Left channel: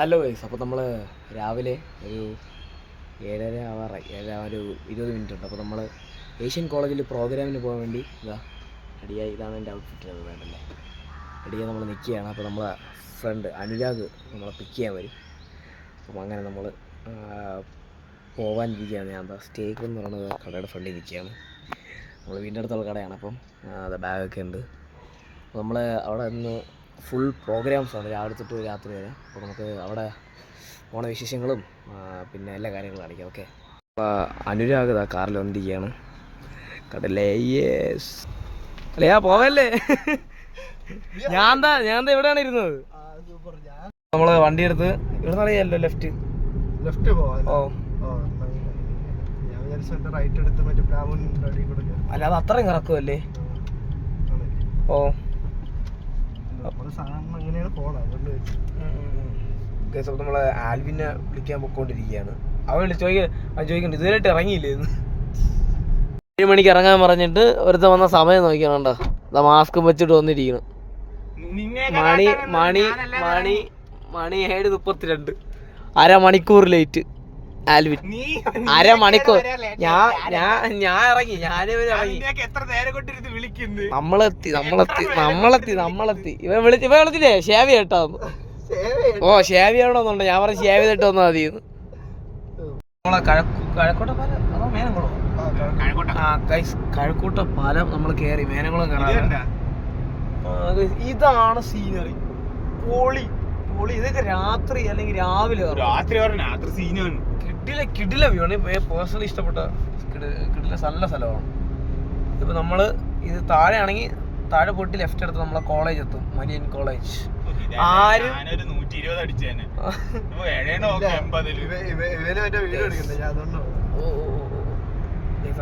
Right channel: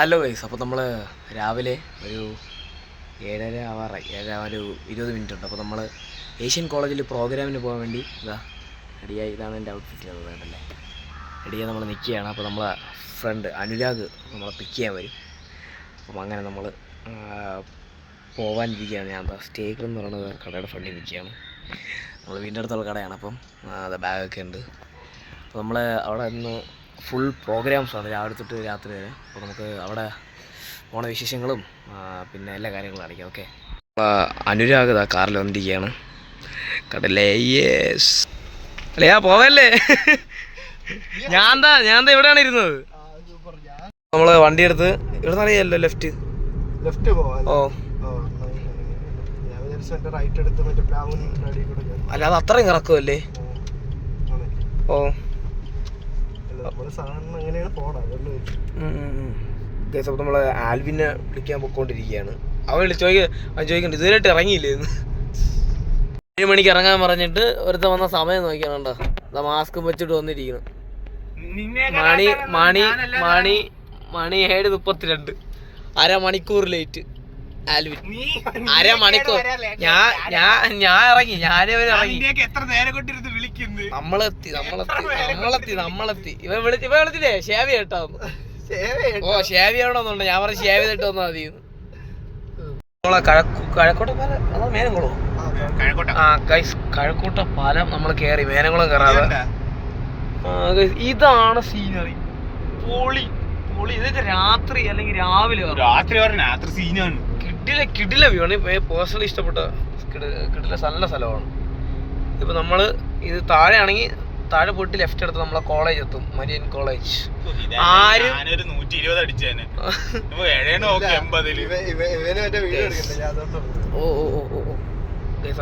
Hello guys, അപ്പോൾ നമ്മൾ രാവിലെ ഒരു 7:30 ആവാറായി. 7 ഒരു 20 മിനിറ്റ് ഉണ്ട്. അപ്പോൾ നമ്മൾ ഏഷ്യൻ കോളേജിൽ പ്രോഗ്രാമിന് പോകാൻ വേണ്ടി റെഡിയായി. ഇതാണ് എൻ്റെ ഔട്ട്ഫിറ്റ് വേണ്ടല്ലേ. റെഡിയായി നമ്മൾ നിൽക്കുകയാണ്. അപ്പോൾ നമ്മളെ ഫ്രണ്ട് അനുരാഗ് നമ്മളെ പിക്ക് ചെയ്യാൻ വരും. അപ്പം അങ്ങനെ നമ്മൾ പോകാനിരിക്കുകയാണ്. ഞാൻ സ്റ്റേക്കർ എന്ന് പറയുന്നത് കടയുടെ ഫ്രണ്ടിൽ നിൽക്കുകയാണ്. നമ്മൾ വീടിൻ്റെ അടുത്തുള്ള കടയാണ്. അപ്പം അത് ബാഗൊക്കെ ഉണ്ട്. അപ്പോൾ നമ്മൾ അവിടെ നിന്ന് ഫുൾ പ്രോഗ്രാംസാണ് രാവിലെ തൊട്ട് രാത്രി വരെ. അപ്പോൾ നമുക്ക് അവിടെ ഓണ വിശേഷങ്ങളും പിന്നെ എല്ലാ കാര്യങ്ങളും കാണിക്കാം. ഓക്കെ, അനുരാഗ് കാറിൽ വന്നിരിക്കുകയാണ്. കടലേ യേസ് അല്ലയാ പോവല്ലേ. ഞാൻ എവിടെയാണ് ഇരുന്നത്? നമ്മൾ വണ്ടി എടുത്ത് ഇവിടെ അറിയാമല്ലോ, ലെഫ്റ്റ് ഓ അല്ല, അത് അത്രയും കറക്കുമല്ലേ. ഓ നമ്മൾ ആൽവിനെ വിളിക്കാൻ പോയിക്കൊണ്ടിരിക്കുകയാണ്. അവൻ ചോദിക്കണ്ട ഇതുവരെയായിട്ട് ഇറങ്ങിയില്ലേന്ന്. 7 മണിക്ക് ഇറങ്ങാൻ പറഞ്ഞിട്ട് ഒരുത്ത വന്ന സമയം നോക്കിയാണോ, മാസ്ക് വെച്ചിട്ട് വന്നിരിക്കണം. മണി 7:32, അരമണിക്കൂർ ലേറ്റ്. ആൽവിൻ അരമണിക്കൂർ. ഞാൻ ഇറങ്ങി, നമ്മളെത്തി. ഇവ വിളിച്ചില്ലേ ഷേവി കേട്ടോ. ഓ ഷേവി ആവണമെന്നുണ്ട്. ഞാൻ പറഞ്ഞ ഷേവി ചെയ്തിട്ട് വന്നാൽ മതി. നമ്മളെ കഴക്കൂട്ട പാലം അതോ മേനംകുളം? കഴക്കൂട്ട പാലം നമ്മൾ കയറി, മേനംകുളം കയറാതെ. ഇതാണ് സീനറി. പൊളി പൊളി. ഇതൊക്കെ രാത്രി അല്ലെങ്കിൽ രാവിലെ സീനാണ്. കിടില വ്യൂ ആണ്. പേഴ്സണലി ഇഷ്ടപ്പെട്ട കിടില നല്ല സ്ഥലമാണ്. ഇപ്പൊ നമ്മള് ഇത് താഴെ ആണെങ്കിൽ താഴെ പോയിട്ട് ലെഫ്റ്റ് എടുത്ത് നമ്മളെ കോളേജ് എത്തും, മരിയൻ കോളേജ്. ആരും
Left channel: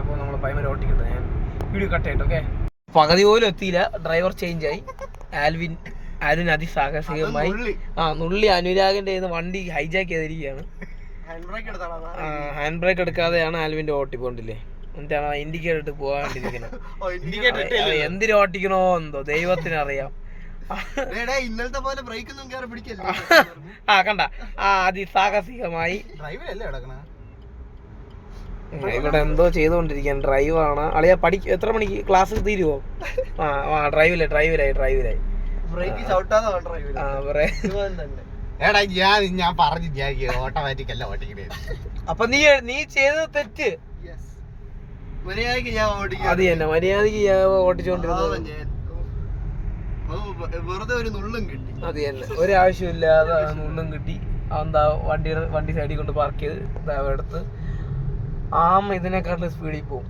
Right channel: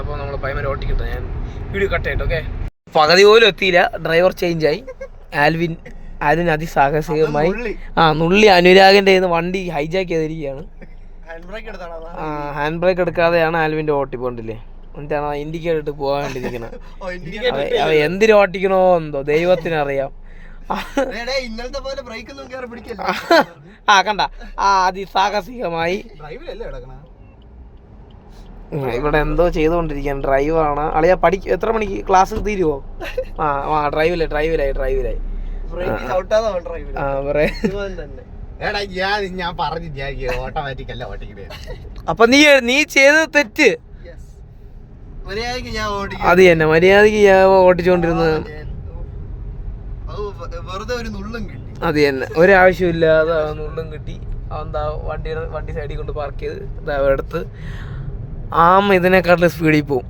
അപ്പൊ നമ്മള് പൈമ ഓട്ടിക്കിട്ടു. ഞാൻ വീഡിയോ കട്ട് ആയിട്ട്. ഓക്കെ, പകുതി പോലും എത്തിയില്ല. ഡ്രൈവർ ചേഞ്ച് ആയി. ആൽവിൻ അതിസാഹസികമായി നുള്ളി അനുരാഗിന്റെ വണ്ടി ഹൈജാക്ക് ചെയ്തിരിക്കുകയാണ്. ഹാൻഡ് ബ്രേക്ക് എടുക്കാതെയാണ് ആൽവിന്റെ ഓട്ടിപ്പോണ്ടില്ലേ. എന്നിട്ടാണ് ഇൻഡിക്കേറ്റർ ഇട്ട് പോകാണ്ടിരിക്കുന്നത്. എന്തിനു ഓട്ടിക്കണോ എന്തോ ദൈവത്തിനറിയാം. കണ്ട അതിസാഹസികമായി ഇവിടെ എന്തോ ചെയ്തുകൊണ്ടിരിക്കുകയാണ്. ഡ്രൈവറാണ് അളിയ. എത്ര മണിക്ക് ക്ലാസ് തീരുവോ? ഡ്രൈവിലായി. അപ്പൊ നീ ചെയ്തത് തെറ്റ്. അത് തന്നെ മര്യാദക്ക് ഞാൻ ഓട്ടിച്ചോണ്ടിരുന്നത്. അത് തന്നെ ഒരാവശ്യമില്ലാതെ നുള്ളും കിട്ടി. എന്താ വണ്ടി സൈഡിൽ കൊണ്ട് പാർക്ക് ചെയ്ത് എടുത്ത് ഇതിനെക്കാട്ടിലും സ്പീഡിൽ പോവും.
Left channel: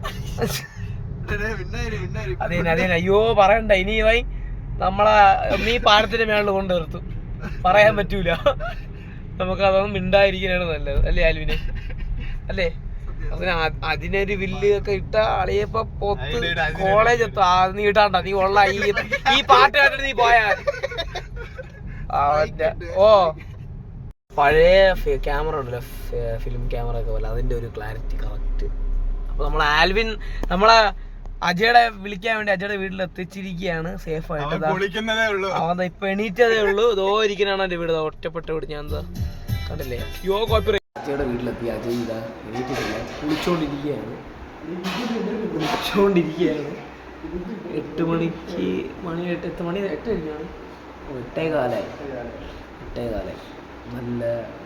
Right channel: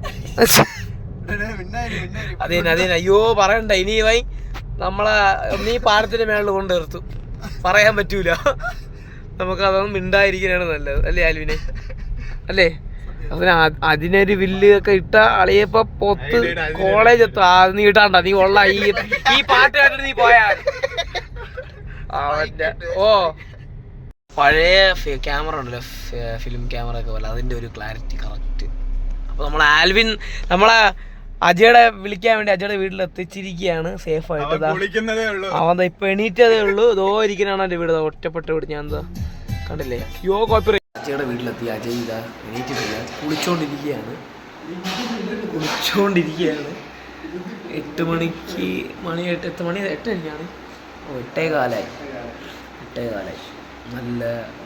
അത് തന്നെ അയ്യോ പറയണ്ട. ഇനി നമ്മളെ നീ പാടത്തിന്റെ മേളിൽ കൊണ്ട് നിർത്തും. പറയാൻ പറ്റൂല. നമുക്ക് അതൊന്നും മിണ്ടായിരിക്കാനാണ് നല്ലത്, അല്ലേ ആൽവിനെ? അല്ലേ? അതിനൊരു വില്ല് ഒക്കെ ഇട്ട അളിയപ്പോ പൊത്ത് കോളേജ് എത്താം. നീ ഇട്ടാണ്ട, നീ ഉള്ള ഈ പാട്ട് കേട്ടിട്ട് നീ പോയാ. ഓ പഴയ ക്യാമറ ഉണ്ടല്ലോ, ഫിലിം ക്യാമറ ഒക്കെ പോലെ, അതിന്റെ ഒരു ക്ലാരിറ്റി കറക്റ്റ്. അപ്പൊ നമ്മളെ നമ്മളെ അജയുടെ വിളിക്കാൻ വേണ്ടി അജയുടെ വീട്ടിൽ എത്തിച്ചിരിക്കുകയാണ് സേഫ് ആയിട്ട്. അവൻ ഇപ്പൊ എണീറ്റതേ ഉള്ളൂ. ഇതോ ഇരിക്കാനാണ് എന്റെ വീട്, ഒറ്റപ്പെട്ട വീട്. ഞാൻ എന്താ കണ്ടില്ലേ? അജയുടെ വീട്ടിലെത്തി. അജയ് ഇതാ എണീറ്റിട്ടില്ല, കുളിച്ചോണ്ടിരിക്കുകയാണ്. 8 മണിക്ക് 8 കഴിഞ്ഞാണ്. 8:15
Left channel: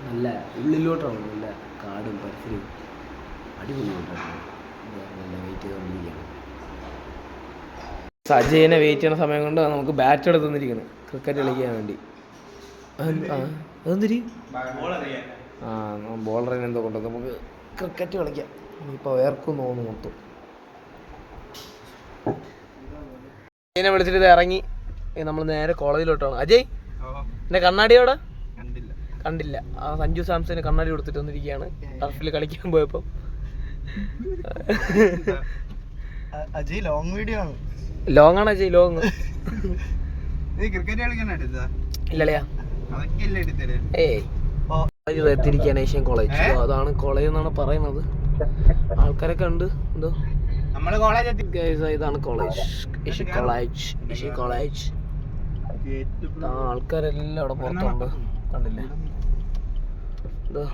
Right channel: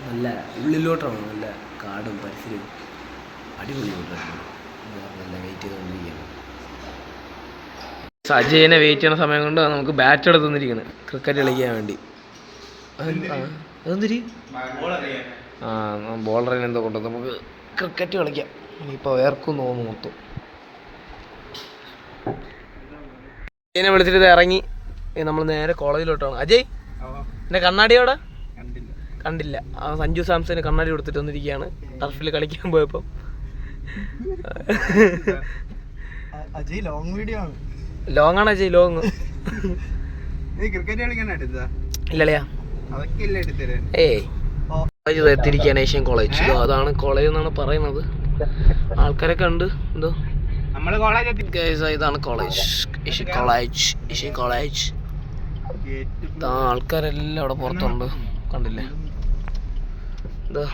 നല്ല ഉള്ളിലോട്ടാണ്. നല്ല കാടും പരിസരവും അടിപൊളിയായിട്ടാണ്. നല്ല വെയിറ്റ് ചെയ്തുകൊണ്ടിരിക്കുകയാണ്. അജയനെ വെയിറ്റ് ചെയ്യുന്ന സമയം കൊണ്ട് നമുക്ക് ബാറ്റ് എടുത്ത് തന്നിരിക്കുന്നത് ക്രിക്കറ്റ് കളിക്കാൻ വേണ്ടി. അതെന്തിരി ബോളറിനെ എന്തോ കൊണ്ട് നമുക്ക് ക്രിക്കറ്റ് കളിക്കാം. ഇനിയിപ്പോൾ വേർക്കും തോന്നുന്നു മൊത്തം. അജയനെ വിളിച്ചിട്ട് ഇത് ഇറങ്ങി നമ്മൾ നേരെ കോളേജിലോട്ടാണ്. അജയ് എൻ്റെ കണ്ണാടിയോടെ കണ്ടില്ല. സഞ്ജു സാംസന് കണ്ണാടി കൊടുത്തിട്ട് വന്നിരിക്കുകയാണ് ടർഫിൽ കളിക്കാൻ പോയപ്പോൾ. ലോങ് ആണ് അജയ്, ലോങ്. ഇല്ലല്ലയാ എത്തിയിരിക്കുകയാണ് ഏഷ്യൻ കോളേജ്. അതാണ് കോളേജ് എന്നാണ് പറയുന്നത്. ആൾക്കാരൊക്കെ ഉണ്ട്. എന്തോ ഇതാണ് കോളേജ്, ഏഷ്യൻ കോളേജ്. ആൾക്കാരെല്ലാം അവിടെ പുറത്തുണ്ട്, കണ്ടില്ലേ? എന്താ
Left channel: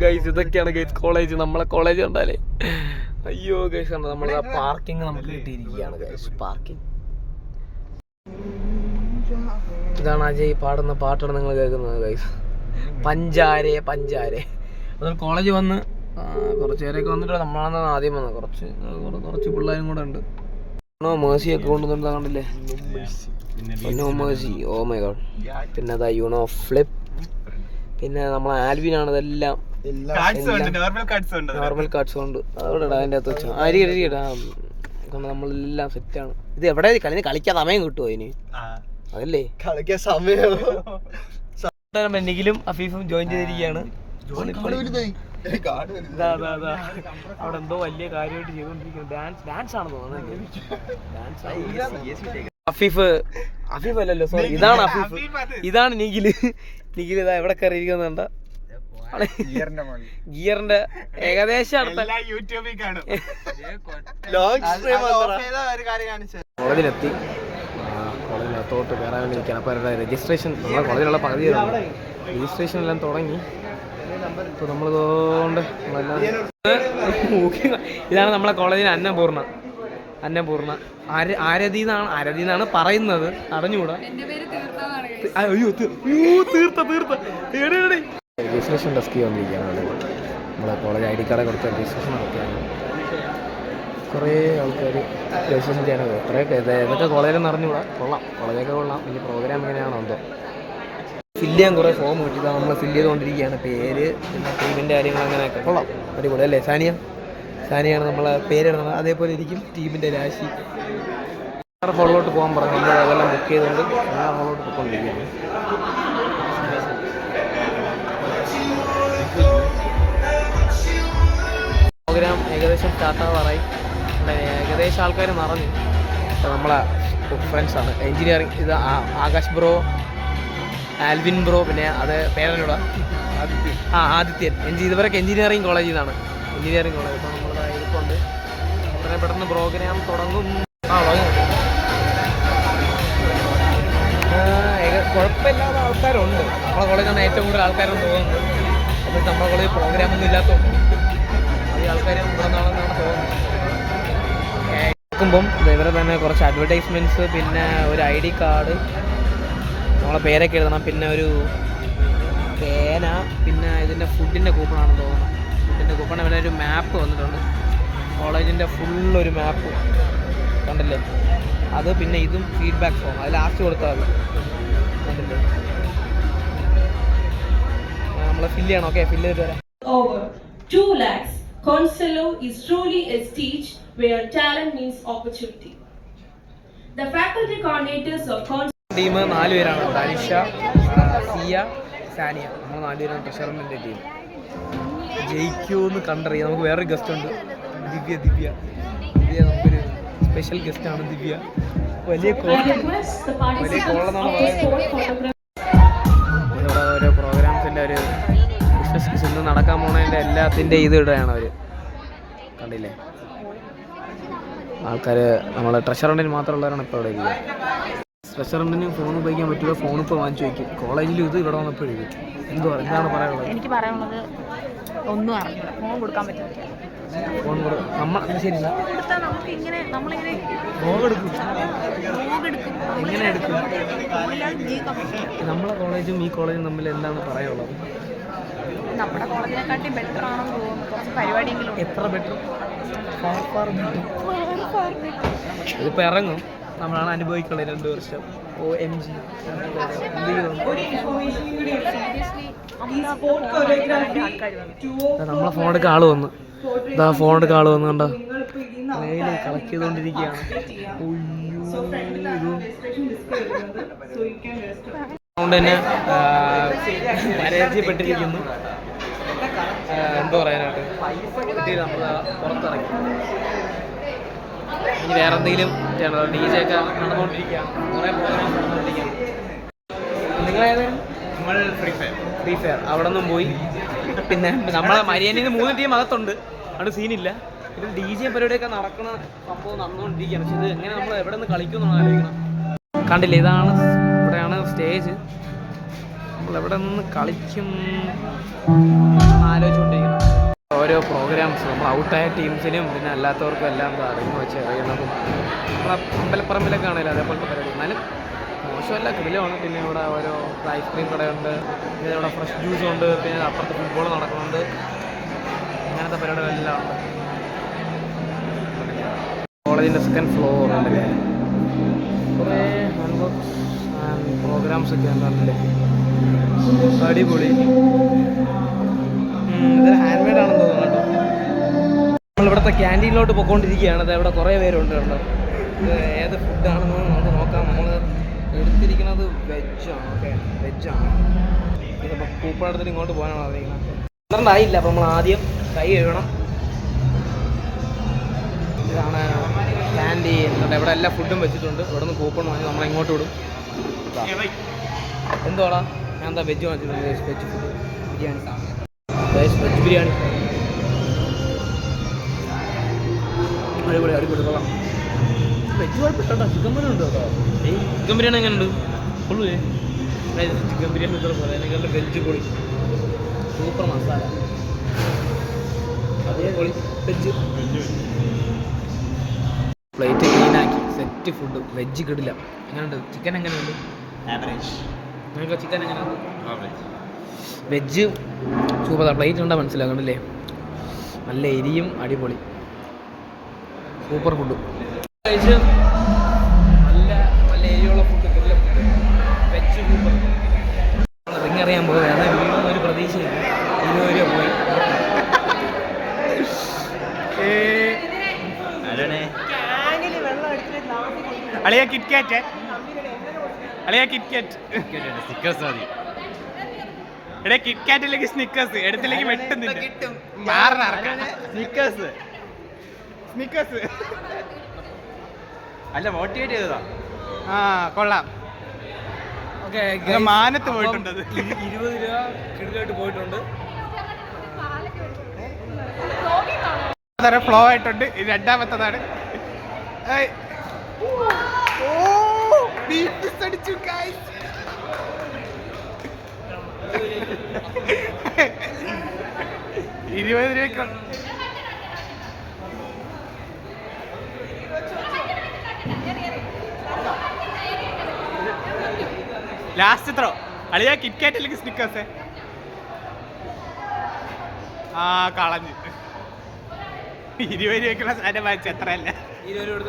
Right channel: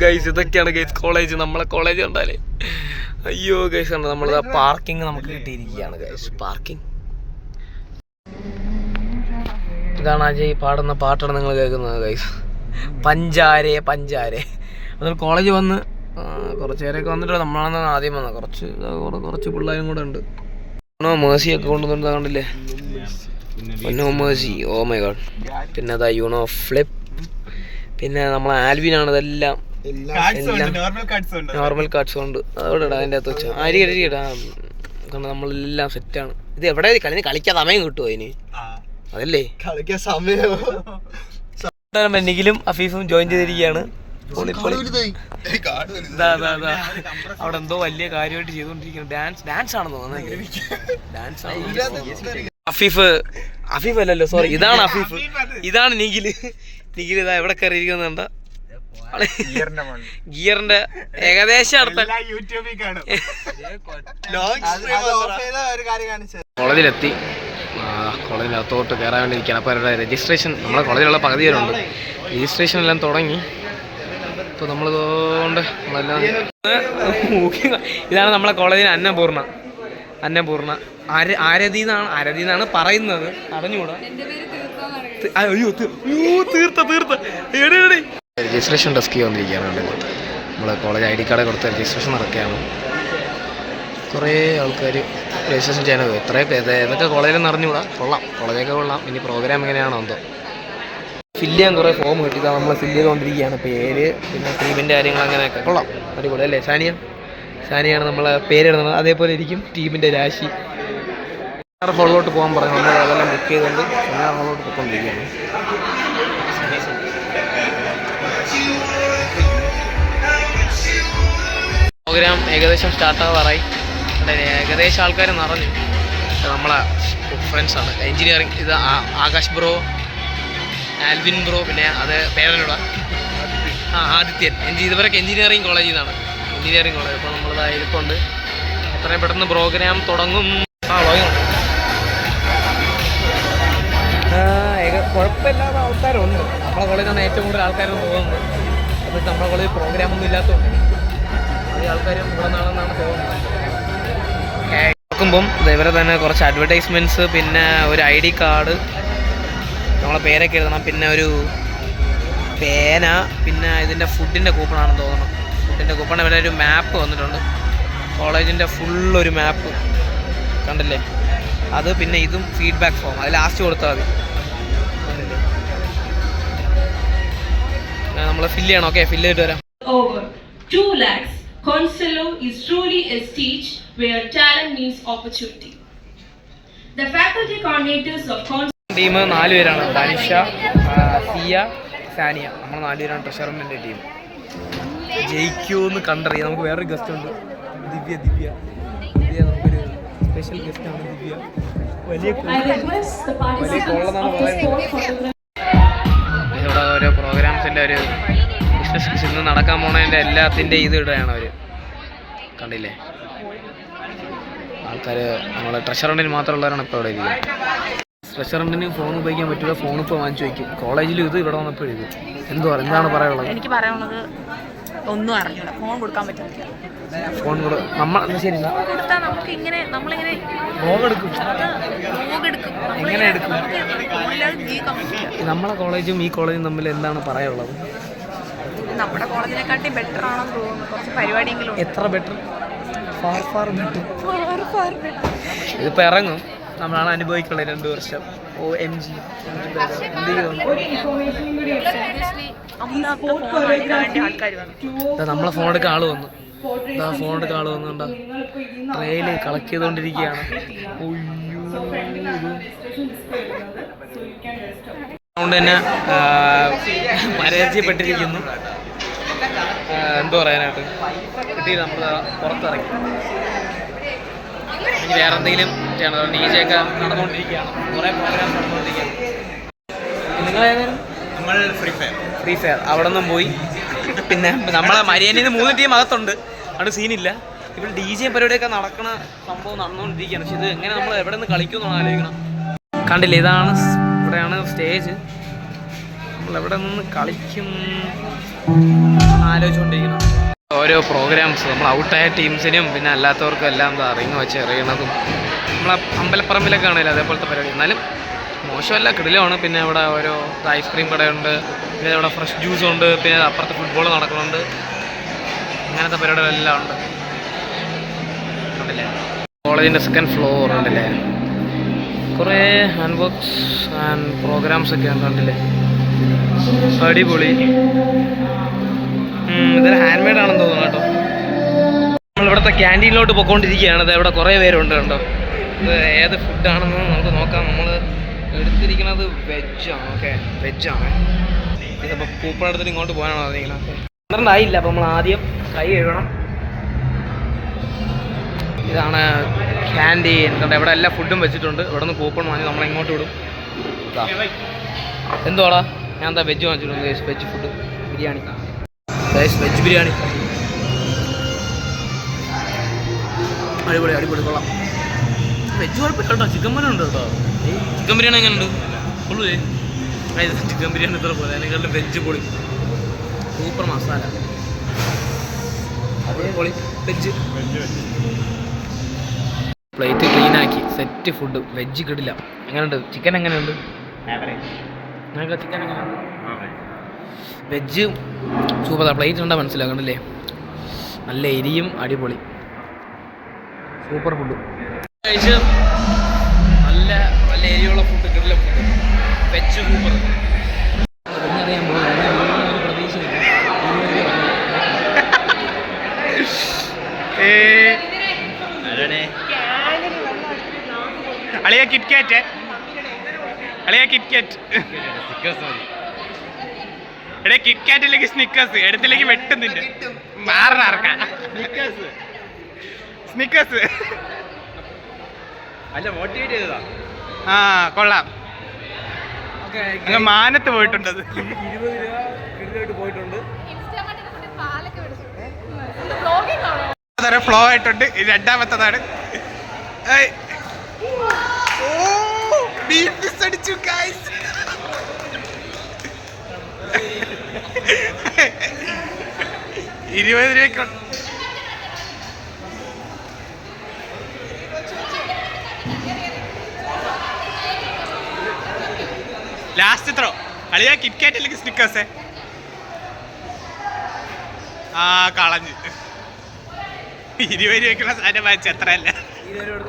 ഗൈസ് ഇതൊക്കെയാണ് ഗൈസ് കോളേജ്. നമ്മളെ കോളേജ് കണ്ടാലേ അയ്യോ ഗൈസ് കണ്ടോ, നമ്മൾ പാർക്കിംഗ് നമുക്ക് കിട്ടിയിരിക്കുകയാണ് ഗൈസ്. പാർക്കിംഗ് ഇതാണ് അജയ് പാടുന്ന പാട്ടാണ് നിങ്ങൾ കേൾക്കുന്നത് ഗൈസ്. പഞ്ചാരെ പഞ്ചാരെ. അതുപോലെ കോളേജ് വന്ന് കുറച്ച് പേരൊക്കെ വന്നിട്ട് നമ്മളാണെന്നാണ് ആദ്യം വന്നത്. കുറച്ച് പിള്ളേരും കൂടെ ഉണ്ട്. മേഴ്സിയൊക്കെ കൊണ്ടുവന്നിട്ട് കണ്ടില്ലേ, മേഴ്സി. Oh my God. പിന്നെ അതാ യൂണോ ഫ്ലിപ്പ്. പിന്നെ നമ്മളെ ആൽവിനാണ് ഇതെല്ലാം നോർമൽ കാർഡ്സ് കൊണ്ട്. അതോടെ അതിൻ്റെ അകത്ത് വെച്ചാൽ അരിടാ കാരണം നമ്മളെല്ലാം സെറ്റാണ്. ഇത് എവിടെ കളിക്കാൻ സമയം കിട്ടുമോ അതിന്? അതല്ലേ കളിക്കാൻ സമയം. നിഖിലും അഫീഫും ജോയിൻ ചെയ്തിരിക്കുകയാണ്. അവിടെ എന്തോ വലിയ കാര്യമായിട്ട് ചെയ്തുകൊണ്ടിരിക്കുന്നു. ഡാൻസ് ആണെന്ന് തോന്നുന്നത്. ഡാൻസ് അഫീഫ് അല്ലല്ലോ, സോറി, ഇതാണ് അഫീഫ്, ഇതാണ് നിഖിൽ. നിഖിൽ ഇതാ എവിടെ കയറിയിരിക്കുന്നുണ്ട. ഗിയറിന്റെ ഏകദേശം അടുത്ത കോളേജിലെത്തി. കോളേജിനകത്തോട്ട് കയറാൻ വേണ്ടി ഇരിക്കുകയാണ്. അപ്പോൾ അവരുടെ രജിസ്ട്രേഷൻ, നമ്മളെ കോളേജിലുള്ള പകുതി പേരുണ്ട്, രജിസ്ട്രേഷൻ എല്ലാം തുടങ്ങി. ഇപ്പോൾ നമ്മളിതുകൊണ്ട് നമ്മളെല്ലാം ഇതാണ് നമ്മളെ കോളേജിന് അന്നപൂർണ്ണ. ആരതി എന്നാണ് പറയുന്നത്, അറിഞ്ഞുകൂടാ. അയ്യോ തീർത്ത രജിസ്ട്രേഷൻ ഡെസ്ക് വന്നിരിക്കുകയാണ്. നമ്മളെ കോളേജ് ID കാർഡ് കൊടുത്ത് രജിസ്ട്രേഷൻ നടക്കുകയാണ്. കുറേ ആൾക്കാർ രജിസ്ട്രേഷൻ ചെയ്യാനോ ഏതൊക്കെ കോളേജിലെന്ന് അറിഞ്ഞുകൂടാ. കൊള്ളാം, കോളേജൊക്കെ കൊള്ളാം. ഇനി പ്രോഗ്രാം എങ്ങനെയാണോ എന്തോ. ഫില്ല് ചെയ്യാൻ കുറേ ഫോം കിട്ടി, ഇതാ നമ്മൾ ഫില്ല് ചെയ്തുകൊണ്ടിരിക്കുകയാണ്. പേര്, പിന്നെ ടീമിൻ്റെ കാര്യങ്ങൾ, അങ്ങനെയൊക്കെ കൊള്ളാം, അടിപൊളി അല്ലേ. ഷാനിയാണ് നമ്മളെ പേരിടുന്നത്. അതേപോലെ ഇരിക്കും ടീമിൻ്റെ രാശി. ഹോളിലോട്ട് പോകാൻ പറഞ്ഞു. നമ്മൾ അതെല്ലാം ബുക്ക് ചെയ്തുകൊണ്ട് ഹോളിലോട്ട് പോയിക്കൊണ്ടിരിക്കുകയാണ്. പ്രോഗ്രാം ഏകദേശം സ്റ്റാർട്ടാവാറായി. ഏകദേശം ആൾക്കാർ നിറഞ്ഞു. നമ്മളെ ഫ്രണ്ട്സാണ് എൻജിനീയറിങ്. ഇത് ആകാശ് ബ്രോ, ആൽവിൻ ബ്രോ, പിന്നെ അത് പേരനോടാ ആദിത്യൻ. ഇതുവരെയൊക്കെ എൻജിനീയറിങ് കോളേജിൽ നിന്നാണ്. Engineering college. അപ്പോൾ നമ്മളിതാ ഇരിപ്പുണ്ട്. എത്രയും പെട്ടെന്ന് പ്രോഗ്രാം തുടങ്ങും. കുഴപ്പമില്ലാത്ത ആൾക്കാരുണ്ട്. നമ്മളെ കോളേജിലാണ് ഏറ്റവും കൂടുതൽ ആൾക്കാരെന്ന് തോന്നുന്നത്. അപ്പോൾ നമ്മളെ കോളേജിൽ പ്രോഗ്രാമൊന്നും ഇല്ലാത്തതുകൊണ്ട് അധികം ആൾക്കാരും ഇവിടെ നിന്നാണെന്നാണ് തോന്നുന്നത്. നോക്കുമ്പം ഇവരെ തന്നെ കുറച്ച് അഡ്വർടൈസ്മെൻറ്റ്സ്, പിന്നെ ഒരു ID കാർഡ്, നമ്മളെ പേരൊക്കെ എഴുതണം, പിന്നെ ഒരു പേന, പിന്നെ ഇതിൻ്റെ ഫുഡിൻ്റെ കൂപ്പണാണെന്ന് തോന്നണം. ഫുഡിൻ്റെ കൂപ്പൺ. ഇവിടെ ഒരു മാപ്പ് വന്നിട്ടുണ്ട്, കോളേജിൻ്റെ ഫുള്ളൊരു മാപ്പ് കണ്ടില്ലേ. അത് പിന്നെ ഇതും ഫീഡ്ബാക്ക് ഫോം, അത് ലാസ്റ്റ് കൊടുത്താൽ മതി. കണ്ടില്ലേ, നമ്മൾ ഫില്ല് ചെയ്യണം. ഓക്കെ, ഫില്ല് ചെയ്തിട്ട് വരാം. 2 lakhs. Constello is truly a stage where talent meets opportunity. The faculty coordinators of team 4 പേരാണ്. തനിഷ, സിയ, സാനിയ. നമ്മൾ 4 പേരാണ് ട്രഷറിൻ്റെ ടീം. ജയിക്കുമെന്ന് കണ്ടറിയാം. നമുക്ക് വേറൊരു ഗസ്റ്റ് ഉണ്ട്, ദിവ്യ. നമുക്കൊരു സ്പെഷ്യൽ ഗസ്റ്റാണ് ദിവ്യ. വലിയ കോളെന്നാണ് പറയുന്നത്. ഇവിടെ ഓരോ പ്രോഗ്രാംസിൻ്റെ ഒരു ബിസിനസ് ഇന്ന് നടക്കാൻ പോണതിൻ്റെ എല്ലാത്തിൻ്റെ ഇത് ഇടുകയാണ് അവർ. കണ്ടില്ലേ, ആൾക്കാർ നമ്മളെ ട്രഷറണ്ടിന് മാത്രമുള്ളവരാണ് ഇപ്പോൾ ഇവിടെ ഇരിക്കുന്നത്. റെസ്റ്റോറൻറ്റിന് ഫോൺ ഉപയോഗിക്കാൻ പറ്റില്ല, ഫോൺ ഇപ്പോൾ വാങ്ങിച്ചു വയ്ക്കും. കോളേജിലും ഇത്, ഇവിടെ വന്നപ്പോഴും ഇത്. എന്താണ് പറയാനുള്ളത്? എനിക്ക് പറയാനുള്ളത് ഒന്നും അറിഞ്ഞൂടാ. ഫോൺ കൊടുക്കാൻ പറ്റത്തില്ല. ഫോൺ നമ്മൾ ശരി കൊടുത്താൽ നമുക്ക് ഇങ്ങനെ നമ്മളിങ്ങനെ വ്ലോഗെടുക്കും. എങ്ങനെ എടുക്കും? ഫോണില്ലാതെ ജീവിക്കാൻ പറ്റില്ല. നമ്മളെ കോളേജും ഈ കോളേജും തമ്മിൽ എന്താണ് പറയാനുള്ളത്? നമ്മുടെ കോളേജിനെക്കാട്ടി ബെറ്റർ ആണെന്ന് തോന്നുന്നു. കുറച്ച് പരിപാടിയെങ്കിലും. എത്ര ബെറ്റർ? Far better. ഇതിപ്പോൾ ഇറങ്ങും, നമ്മളാണ് അനുഭവിക്കുള്ളത് 2 വർഷം. OMG നമ്മളെ ഫോൺ എടുക്കാൻ ആള് വന്നു. കണ്ടോ, ട്രെയില് കളക്ട് ചെയ്തുകൊണ്ടിരിക്കുകയാണ്. അതുകൊണ്ട് തന്നെ പരാജയപ്പെട്ടിരിക്കുന്നു. എന്തോ പറയാനായിട്ട് കിട്ടിയില്ല. നമ്മൾ പുറത്തിറങ്ങി. ഇനി വേറെ എന്തെങ്കിലും ചെയ്യണം. DJ ഒക്കെ നടന്നുകൊണ്ടിരിക്കുകയാണ്, കുറേ പ്രോഗ്രാംസ് നടന്നുകൊണ്ടിരിക്കുകയാണ്. നിങ്ങളേതായാലും നമ്മൾ ഫ്രീ ഫയർ അവിടെ നിന്നും പോയി. പിന്നെ നമ്മളെ മരിയാനിന്ന് 3 ടീം അകത്തുണ്ട്, അവിടെ സീനില്ല. ഇവിടെ DJ പരിപാടിയൊക്കെ നടക്കണ സംഭവം നടന്നുകൊണ്ടിരിക്കുകയാണ്. പക്ഷെ ഇത് എങ്ങനെ നമ്മൾ എവിടെ നിന്ന് കളിക്കുമെന്നാണ് ആലോചിക്കണം. കണ്ടില്ലേ, ഇതാണ് ഇവിടെയാണ് സ്റ്റേജ്. നമ്മളെവിടെ നിന്ന് കളിക്കും ആലോചിച്ചുകൊണ്ടിരിക്കണം. ഓരോ പ്രോഗ്രാംസ് നമ്മൾ ഔട്ടായ ടീംസിനും പിന്നെ അല്ലാത്തവർക്കും എല്ലാം എന്താ റിങ് വെച്ച് എറിയണതും നമ്മളെ അമ്പലപ്പറമ്പിലൊക്കെ ആണല്ലോ അതേപോലത്തെ പരിപാടി. എന്നാലും മോശമല്ല, കിടിലമാണ്. പിന്നെ ഇവിടെ ഓരോ ഐസ്ക്രീം കടയുണ്ട്, പിന്നെ ഇവിടെ ഫ്രഷ് ജ്യൂസ് ഉണ്ട്, പിന്നെ അപ്പുറത്ത് ഫുട്ബോൾ നടക്കുന്നുണ്ട്. അങ്ങനത്തെ പരിപാടികളെല്ലാം ഉണ്ട്. കണ്ടില്ലേ കോളേജിൻ്റെ സെക്കൻഡ് ഫ്ലോർ ഉണ്ടല്ലേ, കുറേ ഹാൻഡ് വർക്ക്സ് ആൻഡ് പ്രോഗ്രാംസ് ഒക്കെയാണ്. കണ്ടില്ലേ അടിപൊളി. ഇതൊരു ഹാൻഡ് മെയ്ഡ് ആണെന്ന് തോന്നുന്നു കേട്ടോ. നമ്മളിവിടുത്തെ ക്യാൻറ്റീനിലോട്ട് പോയിക്കൊണ്ടിരിക്കുകയാണ്. അത് ഇവിടെ കുറേ പേരുണ്ട് കേട്ടോ. ഇത് ഏത് ഫുഡാണെന്ന് നമുക്ക് നോക്കാം. നമ്മൾ എടുത്തിരിക്കുന്നത് വെജാണ്. ഓക്കെ, വെജാണ്. ഇതിപ്പോൾ കൂപ്പൺ എടുത്തിട്ട് ഇങ്ങോട്ട് പോകാനാണോ അറിയിക്കുന്നത്? 12 ആയില്ല, അപ്പോൾ നമ്മൾ ആദ്യം കൈ കഴുകണം. ഇതാണ് ക്യാൻറ്റീൻ. കണ്ടോ, ഇവിടെ എല്ലാ ഫുഡും വെച്ചിട്ടുണ്ട്. ഇവിടെ നിന്ന് കൂപ്പൺ വാങ്ങി നമ്മളെ ഇങ്ങോട്ട് വിടും. എന്തുവാടാ, ഞാൻ എന്താ വെജ് വാങ്ങിച്ചിട്ടുണ്ട്. Veg food biryani, veg biryani അടിപൊളി അടിപൊളി, കൊള്ളാം. വെജ് കുഴപ്പമില്ല കേട്ടോ. ചിക്കൻ ബിരിയാണി ഉണ്ട് കേട്ടോ. ചിക്കൻ ബിരിയാണി എങ്ങനെ ഉണ്ട്? ഫുള്ള് ചിക്കൻ ബിരിയാണി ഇത്ര പോലെ, അതിനെക്കാളും വെജ് പൊളി, സൂപ്പർ മസാല, പൊളി വെജ്. പ്ലേറ്റ് ക്ലീനാക്കി സെറ്റ് ഫുഡ്. വെജ് കിടില്ല. എങ്ങനെയുണ്ട്? ചിക്കൻ എങ്ങനെയുണ്ട്? നിങ്ങൾക്ക് ചിക്കൻ എങ്ങനെയുണ്ട്? Veg super. പ്ലേറ്റ് കണ്ടാൽ മനസ്സിലാക്കണ്ടല്ലേ, നല്ല എരിയും അടിപൊളി സൂപ്പർ ഫുഡ് കഴിച്ച്. നല്ല നല്ല എരിയുള്ള ഫുഡ്, കിടില ഫുഡ്, വെജ് സൂപ്പർ. പിന്നെ അറിയാൻ പോകുന്നത് ഒരു പ്രതീക്ഷയില്ല. അളിയ കിറ്റ്കാറ്റ്, അളിയ കിറ്റ്കാറ്റ്. എടേ കിറ്റ്കാറ്റ് ഇല്ലെങ്കിൽ സ്നിക്കേഴ്സ്, എടുത്തില്ലെങ്കിൽ വെട്ടുന്നില്ല. മാറാർക്കാൻ സ്നിക്കേഴ്സ്. അല്ല, മോട്ടിവേറ്റ് ചെയ്തതാ. ആ കൊള്ളാം. മാനത്ത് പോയിട്ടുണ്ട്. 20 രൂപ കിടിലായിട്ട് പോയിട്ടുണ്ട്. ഫ്ലോ ആയിട്ടുണ്ട്. രണ്ടാമത്തതാണ്. അടിച്ചു ഗൈസ്. ₹20 last throw. അളിയാ കിറ്റ്കാറ്റ് അല്ലെങ്കിൽ സ്നിക്കേഴ്സ്? ആ കളഞ്ഞ്. ₹20 സാധനം വാങ്ങിച്ച എത്രയല്ല.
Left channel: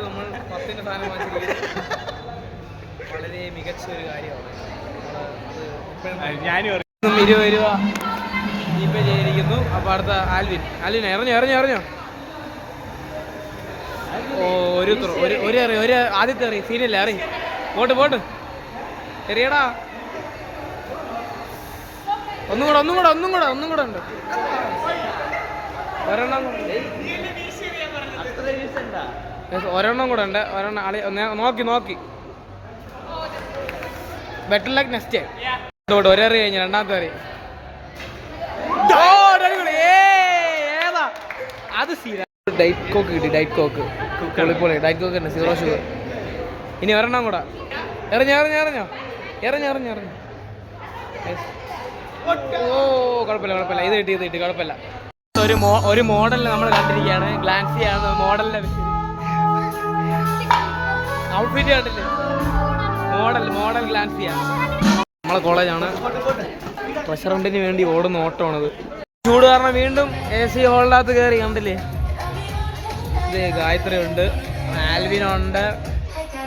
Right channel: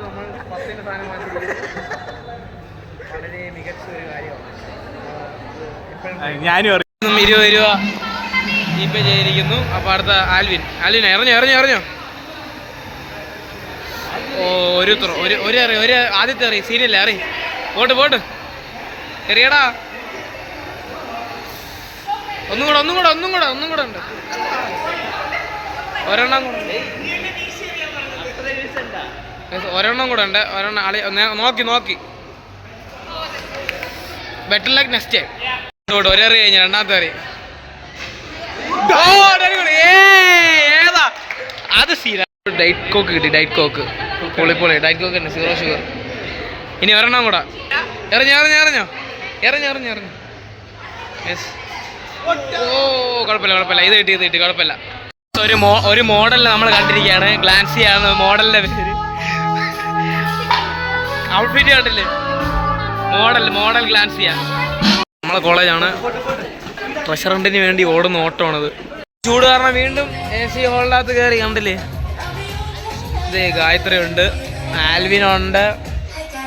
നമ്മൾ 10 സാധനം വാങ്ങിച്ചിരിക്കുന്നത് വളരെ മികച്ച ഒരു കാര്യമാണ്. ഞാനും 20 രൂപ ജീപേ ചെയ്തിരിക്കുന്നു. അപ്പോൾ അടുത്ത ആൽവിൻ ഇറഞ്ഞോ. ഒരു ത്രോ, ഒരു ആദ്യത്തെ എറി, സീനില്ല, എറി. പോട്ട് എറിയടാ. ഒന്നും കൂടെ ഉണ്ട്. ഒരെണ്ണം കൂടെ ഉണ്ട്. നോക്കി ബെറ്റർ ലൈക്ക് നെക്സ്റ്റ് ടൈം. ഒരേറി കഴിഞ്ഞു, രണ്ടാമത്തെ എറി. ഏതാ അത്? സീന ഡയറ്റ് കോക്ക് കിട്ടി. ഡയറ്റ് കോക്ക് പൊളി. ഡയറ്റ് കോക്ക് തന്നെ, 0 ഷുഗർ. ഇനി ഒരെണ്ണം കൂടെ. എറിഞ്ഞോ. യെസ്. ഓ കുഴപ്പമില്ല. ഇത് കിട്ടി കുഴപ്പമില്ല. ഒരു മോഡലിനെ നമ്മൾ കണ്ടിരിക്കുകയാണ്. ഗ്ലാൻസിയാണ് മോഡലിന്റെ പേര്. ഔട്ട്ഫിറ്റ് കണ്ടില്ലേ? മോഡൽ ഗ്ലാൻസിയ. നമ്മളെ കോളേജാണ്. റെസ്റ്റോറൻറ്റിന് വേണ്ടി ഓടുന്ന ഓട്ടമാണത്. ചൂട് കാരണം വീണ്ടും AC ഹോളിനകത്ത് കയറി. കണ്ടില്ലേ? ഇത് ഗായത്രി ഉണ്ട്, ആൽവിനുണ്ട്,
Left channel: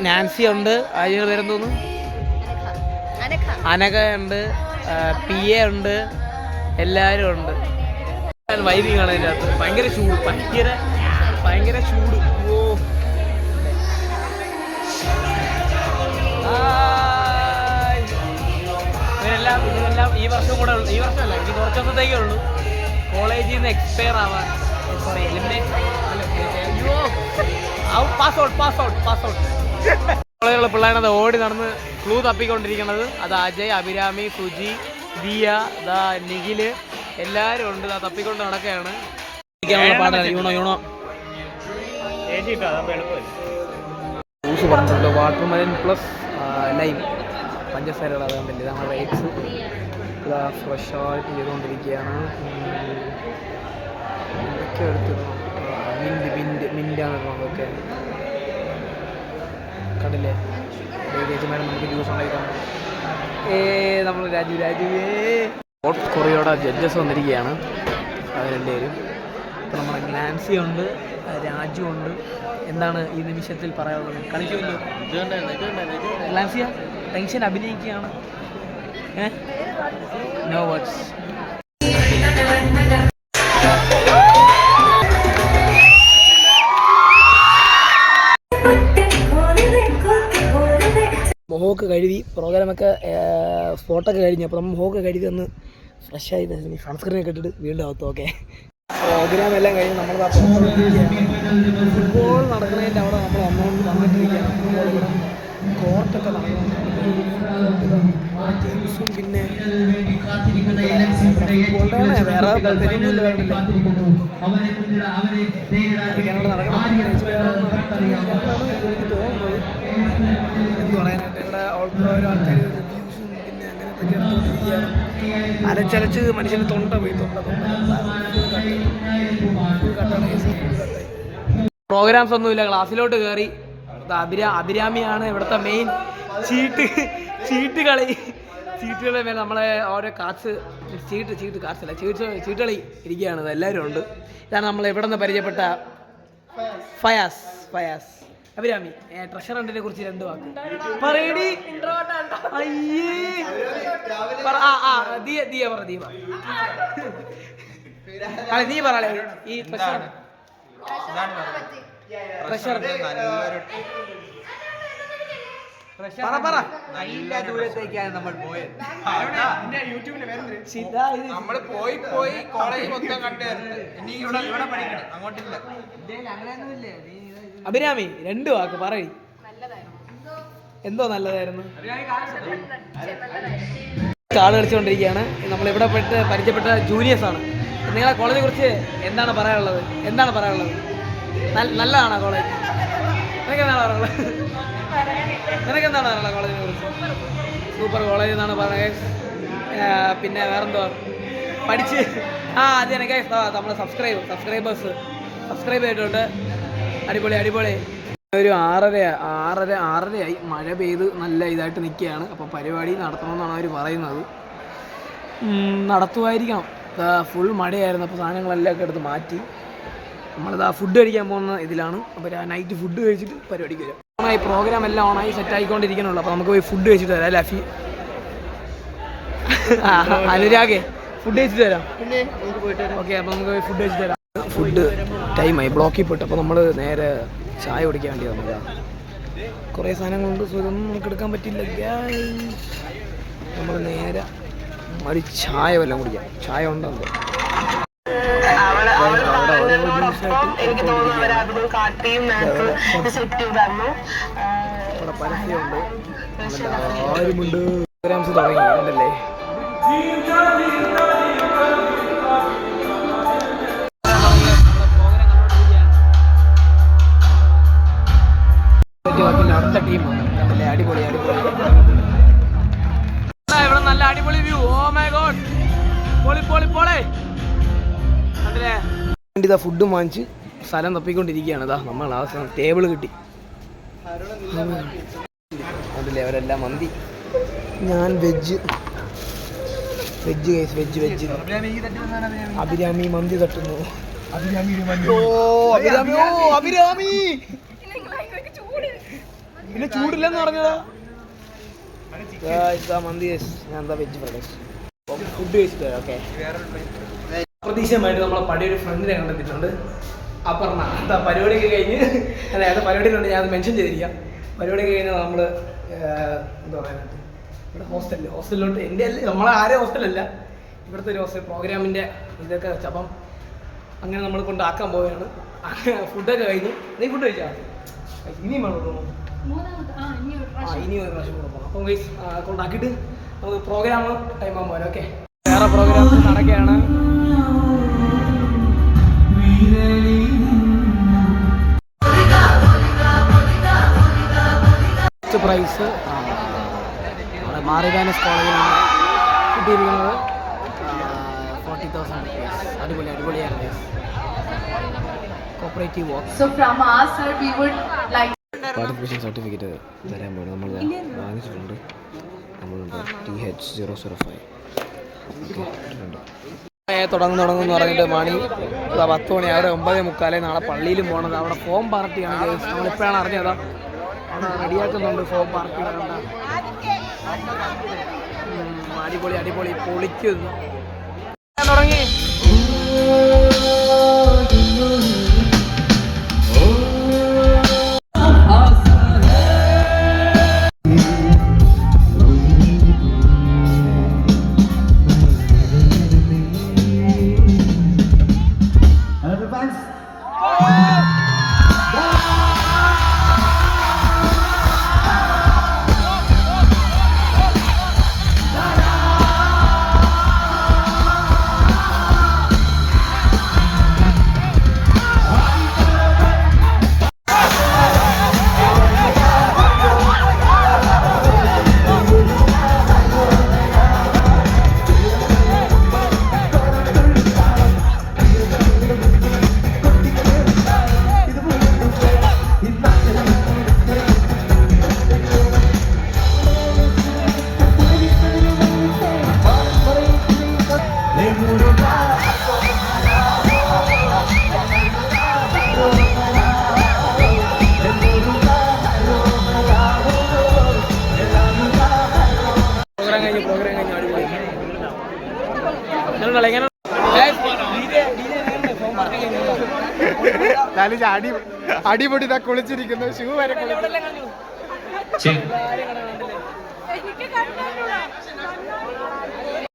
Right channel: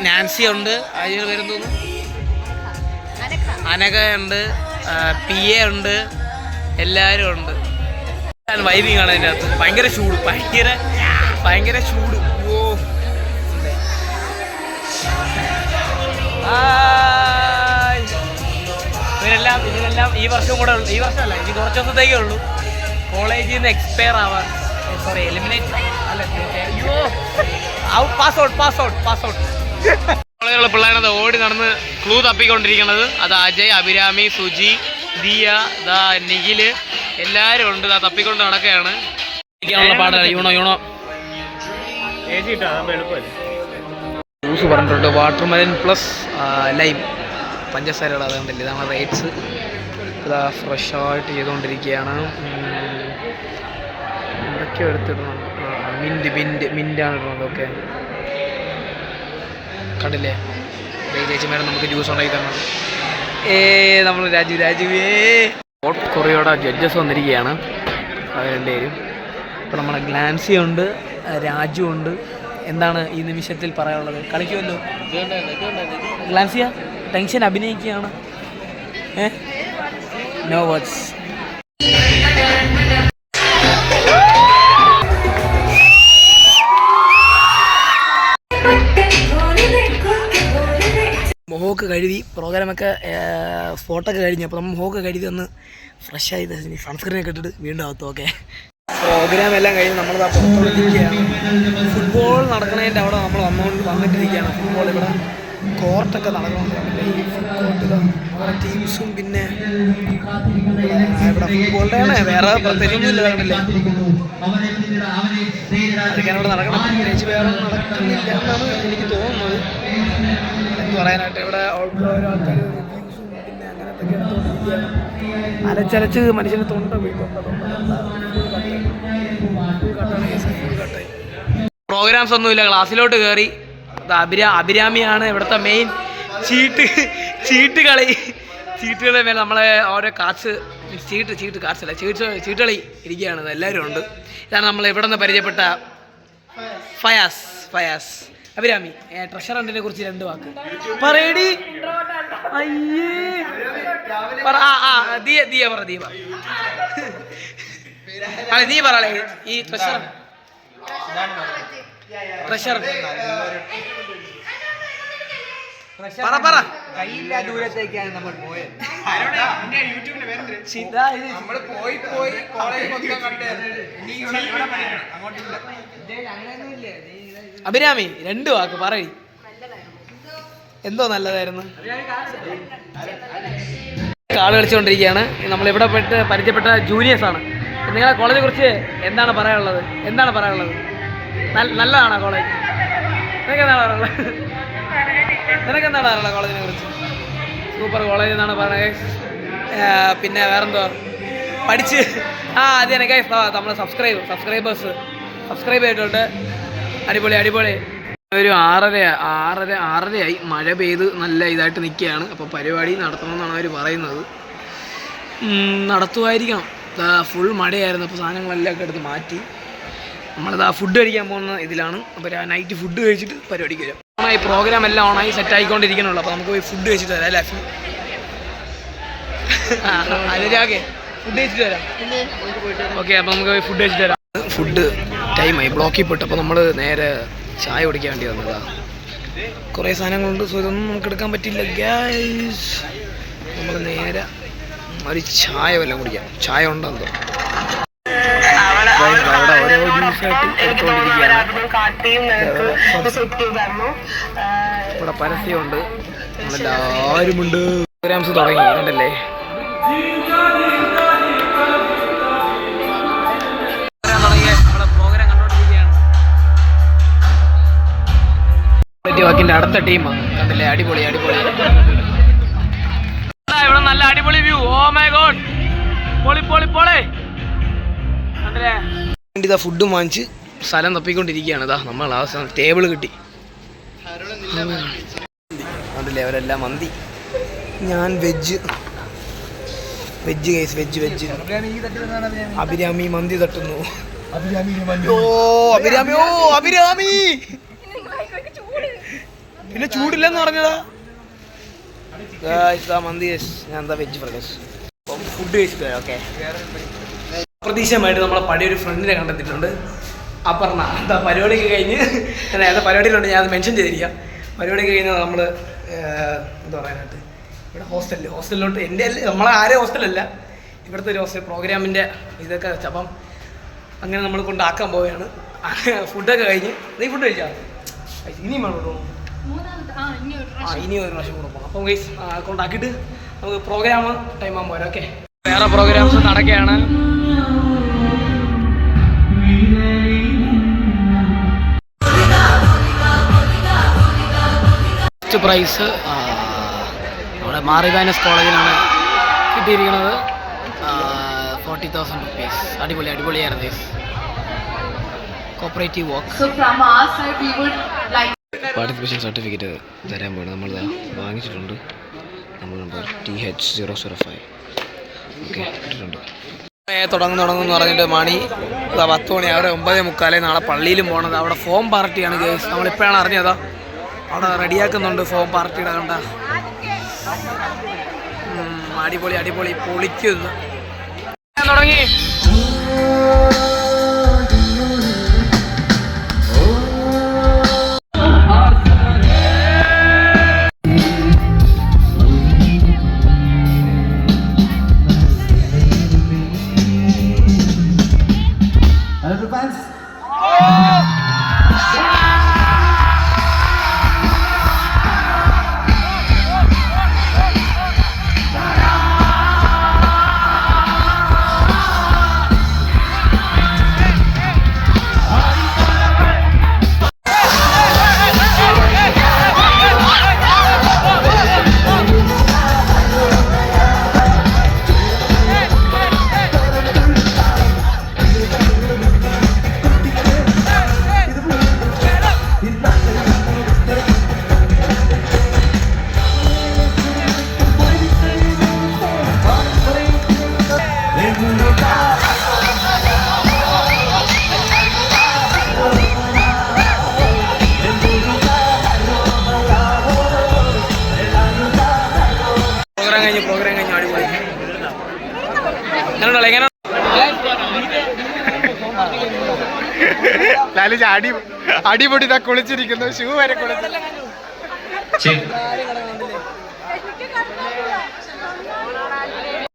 നാൻസി ഉണ്ട്, അതിന് പേരെന്തോന്നു, അനഘ ഉണ്ട്, PA ഉണ്ട്, എല്ലാവരും ഉണ്ട്. വൈബിങ് ആണ് അതിൻ്റെ അകത്ത്. ഭയങ്കര ചൂട്. ഓ ഇതിനെല്ലാം ഈ വർഷമല്ല, ഇനി കുറച്ച് ദിവസത്തേക്കേ ഉള്ളൂ കോളേജിൽ നിന്ന് എക്സ്പയർ ആവാൻ. സോറി, എലിമിനേറ്റ് അല്ല, പാസ് ഔട്ട്. കോളേജിലുള്ള പിള്ളേരത് ഓടി നടന്ന് ക്ലൂ തപ്പിക്കൊണ്ടിരിക്കണത്. അത് അജയ്, അഭിരാമി, സുജി, ദിയ, നിഖില് എല്ലാവരും ഉണ്ട്. തപ്പിക്കൊണ്ട് നടക്കുകയാണ്. പാടാണ്. യൂണോ ജ്യൂസ് പറഞ്ഞിട്ടുണ്ട്. Watermelon plus lime. പഞ്ചസാരയുടെ അതുകൊണ്ടല്ലേ ഇതാണ് റേറ്റ്സ്. ഇതാ ഫ്രഷായിട്ട് ചെയ്തുകൊണ്ടിരിക്കുകയാണ്. എന്തൊക്കെയോ എടുത്തിടണം. മിൻ്റാണ് ഇടുന്നത്. ഓക്കെ കണ്ടില്ലേ ചേച്ചി മേഡം നമുക്ക് ജ്യൂസ് ഉണ്ടാക്കി തരണം. നമ്മൾ രാജുവേ ഹോട്ട് കൊറിയോടെ ജഡ്ജസ് വന്നിരിക്കുകയാണ് അവർ രണ്ടുപേരും. ഇപ്പോൾ നമ്മളെ ഗ്ലാൻസി ഉണ്ട്, രാജു ഉണ്ട്. എന്താണ് ഈ നിമിഷത്തിൽ പറയാനുള്ളത്? കളിക്കുമല്ലോ ഗ്ലാൻസിയ, ടെൻഷൻ അഭിനയിക്കുകയാണ്. No words. മുഖമൊക്കെ കഴുകി പ്രോഗ്രാമൊക്കെ ഫോട്ടോ ഒക്കെ കഴിഞ്ഞു. അപ്പോൾ നമ്മൾ മുഖമൊക്കെ കഴുകി ഒന്ന് ഫ്രഷ് ആയി സൺസ്ക്രീനൊക്കെ ഇട്ടിട്ട് വീണ്ടും അകത്തു. ഓക്കെ പ്രോഗ്രാം എല്ലാം കഴിഞ്ഞ് നമ്മളിതാ പുറത്തോട്ട് ഇരിക്കുകയാണ്. ഫുട്ബോൾ നടക്കുന്നതിൻ്റെ അവിടെ നമ്മൾ വന്നിട്ടിരിക്കുകയാണ്. ഫുട്ബോൾ ഇവിടെ കോർട്ടൊക്കെ നടക്കണമെന്നുണ്ട്. ഈ ഫുട്ബോൾ ടീംസും പിന്നെ ഇവിടെ ഫുട്ബോളിൻ്റെ ആണ്, വേറെ പ്രത്യേകിച്ചൊന്നുമില്ല. അതൊക്കെയാണ് ഇവിടെ നടക്കണം. പ്രത്യേകിച്ച് വേറെ ഒന്നും നടക്കുന്നില്ല എന്നാണ് എനിക്ക് തോന്നുന്നത്. എന്ന് പറയാനായിട്ട് ഇവിടെ ഓരോ ആൾക്കാർ റിവ്യൂസും പിന്നെ അങ്ങനത്തെ ഒക്കെ എടുത്തുകൊണ്ടിരിക്കുകയാണ്. അലച്ചലച്ച് മനുഷ്യന് തൊണ്ട പോയി. തൊണ്ട ഫുൾ കട്ടാണ്. ഫുൾ കട്ടായി. പ്രോഗ്രാംസ് ഒന്നുമില്ല. ക്ലാസ്സിലോട്ട് കയറി. അഭിരാമിയാണ് ഇവിടുത്തെ മെയിൻ ചീട്ടുകളെ മേലെ നമ്മളെ ഓരോ കാർഡ്സ് ചീട്ടുകളി ഇരിക്കുകയാണ്. എല്ലാവരും ഉണ്ട്. ഇതാണ് നമ്മൾ ഇവിടെ നിന്ന് പരിചയപ്പെട്ട ഫയാസ്. അഭിരാമി ട്രഷറണ്ടിനെ കുറിച്ച് 2 വാക്ക് പറയടി. അയ്യേ നീ പറയേ ഈ ട്രഷർ പറ. ദൂരത്തേക്കാണ് നമ്മൾ പോയത്. അഭിരാമി 2 വാക്ക് പറയ്. എന്തോ നല്ലതായിരുന്നു. കാള് കളിച്ചുകൊണ്ടിരിക്കുകയാണ്. നമ്മളിവിടെ പരിചയപ്പെട്ട ജൂനിയേഴ്സാണ്. നിങ്ങളെ കോളേജിനെ കുറിച്ച് എന്താണ് പറയാനുള്ളത്? നല്ലതാണോ കോളേജ്? നിനക്കെന്താണ് പറയാനുള്ളത് കോളേജിനെ കുറിച്ച്? സൂപ്പർ കോളേജ് എന്നാണ് പറയുന്നത്. പിന്നെ വേറെന്തോ പഠിച്ച് അത് തന്നെ നമ്മൾ സബ്സ്ക്രൈബ് ചെയ്തിട്ടുണ്ട്. അടിപൊളി. ഒരു 6:30 മഴ പെയ്ത് നല്ല ഇതായിട്ട് നിൽക്കുകയാണ്. അപ്പോൾ പരിപാടി നടത്തണമെന്നാണ് അവർ പറയുന്നത്. നടത്തുമായിരിക്കണം. ഫുൾ മഴയായിരുന്നു. അപ്പോൾ സാധനങ്ങളെല്ലാം ഒക്കെ എടുത്ത് മാറ്റി നമ്മളിതാ ഫുഡ് കഴിക്കാൻ പോകുന്ന ഇതിലാണ്. അപ്പോൾ നൈറ്റ് ഫുഡ് കഴിച്ചിട്ട് പരിപാടിക്ക് വരാം. ഓണായി പ്രോഗ്രാം എല്ലാം ഓണായി സെറ്റ് ആയിക്കൊണ്ടിരിക്കണുള്ളൂ. അപ്പോൾ നമുക്ക് പോയി ഫുഡ് കഴിച്ചിട്ട് വരാം. അല്ലേ അനുരാഗേ ഫുഡ് കഴിച്ചിട്ട് വരാം. ഓക്കെ അപ്പോൾ നമുക്ക് പോയി ഫുഡ് കഴിച്ചിട്ട് വരാം. ഫുഡ് ടൈമായി, ബ്ലോക്കിൽ പെട്ടു. അപ്പോൾ നമ്മൾ നേരെ ചായ കുടിക്കാൻ വേണ്ടി വന്നതാ. കുറേ സാധനങ്ങളുണ്ട്. സോ ഇതൊന്നും നമുക്ക് എടുക്കാൻ പറ്റില്ല ഗൈസ്. നമ്മൾ നേരെ ഒരു ചായ വല്ലതും കുടിക്കാം. ചായ ഉണ്ടെന്തോ അവിടെ ഓരോ ജ്യൂസായിട്ട് എടുത്തുകൊണ്ടിരിക്കുകയാണ്. ഇവിടെ പരസ്യമുണ്ട്, നമ്മളെല്ലാവരുമുണ്ട്. പ്രോഗ്രാംസ് തുടങ്ങി കണ്ടല്ലേ. വാക്കിന്റെ അടുത്ത ടീമാണ് കണ്ടില്ലേ. അടിപൊളി. ഇവിടെ നല്ല അടിപൊളി വ്യൂ. ഓ മൈ ഗോഡ്, പൊളി കണ്ടില്ലേ. ഇതാ ഫുഡും വാങ്ങിച്ച് സ്ഥലം തപ്പിക്കൊണ്ടിരിക്കുകയാണ്. ഇതാ നമ്മൾ ആ ടേബിൾ കിട്ടി. കണ്ടില്ലേ അവരെല്ലാം മന്തി. ഞാൻ വെജ് ഗൈസ്. വെജ് അഭിരാമി മന്തി തട്ടുന്നു. അഭിരാമി പിന്നെ ചൂടില്ലെന്ന് പറഞ്ഞതാ മന്തി. ഞാൻ എന്താ വെജ് ഫ്രൈഡ് റൈസ്. അപ്പം ഫുഡ് കഴിച്ചിട്ട് വരാം. ഓക്കെ അപ്രതീക്ഷിതമായിട്ട് നമ്മളെ പഴയൊരു ഫ്രണ്ടിനെ കണ്ടെത്തിയിട്ടുണ്ട്, അപർണ. എന്താ പരിപാടിയൊക്കെ കഴിഞ്ഞ് നേരത്തെ പരിപാടിയിലുണ്ട്, ഞാൻ അത് മെൻഷൻ ചെയ്തിരിക്കാം. പരിപാടിയൊക്കെ കഴിഞ്ഞാൽ നമ്മൾ എന്താ പറയാനായിട്ട് ഇവിടെ ഹോസ്റ്റലിലോട്ട് എൻ്റെ നമ്മളെ ആരെയും ഹോസ്റ്റലല്ല, ഇവിടുത്തെ ഒരു ഹോസ്റ്റൽ പ്രോഗ്രാമിൻ്റെ ഇതൊക്കെ വെച്ച് അപ്പം അങ്ങനെ നമ്മൾ കൊണ്ടാക്കാൻ പോവുകയാണ്. ഫുഡൊക്കെ കഴിഞ്ഞ് നീ ഫുഡ് കഴിച്ചാൽ ഇനിയും വേണം കേട്ടോ. ഇനി ഒരു പ്രാവശ്യം കൂടെ പോകണം. അപ്പം ഗൈസ് കൊണ്ടാക്കിയിട്ട് നമുക്ക് പ്രോഗ്രാം ടൈം ആകുമ്പോൾ പോരാ. ഓക്കെ വേറെ പ്രോഗ്രാംസ് നടക്കുകയാണ്. ഫസ്റ്റ് പ്രൈസ് നമ്മുടെ നമ്മുടെ മാറിബാനസ് കോളേജിലാണ് കിട്ടിയിരിക്കുന്നത്. 40,000 റുപ്പീസ്. അടിപൊളിയായിരുന്നു guys. Cooperative work. So from our side we would like participation certificate തരാൻ പോകണം. നമ്മളിത് വാങ്ങിച്ചിട്ടുണ്ട്. നമ്മൾ നമ്പർ TH005 ഓക്കെ ഇട്ടിട്ടുണ്ട്. തുടങ്ങുന്നു പറഞ്ഞിട്ട് മണി 10 മണി, അവിടെ 9:45. നാളെ പള്ളിയിലും പോകണത്. അവിടെ ഫോം പാർട്ടിയാണ് ഗൈസ്. നമ്മളിപ്പോഴാണ് അറിഞ്ഞതാ. അവിടെ റെഡിയാക്കുന്നുണ്ട് ഫോം പാർട്ടിയുടെ. കണ്ട അടിപൊളി പൊളിക്കുന്നു. തുടങ്ങി. പ്രോഗ്രാം കഴിഞ്ഞു അടിപൊളി. എങ്ങനെ ലാലിജ് അടിപൊളി കുളിച്ചിരിക്കുന്നു. ഷൂ വരെ കുളിച്ചു.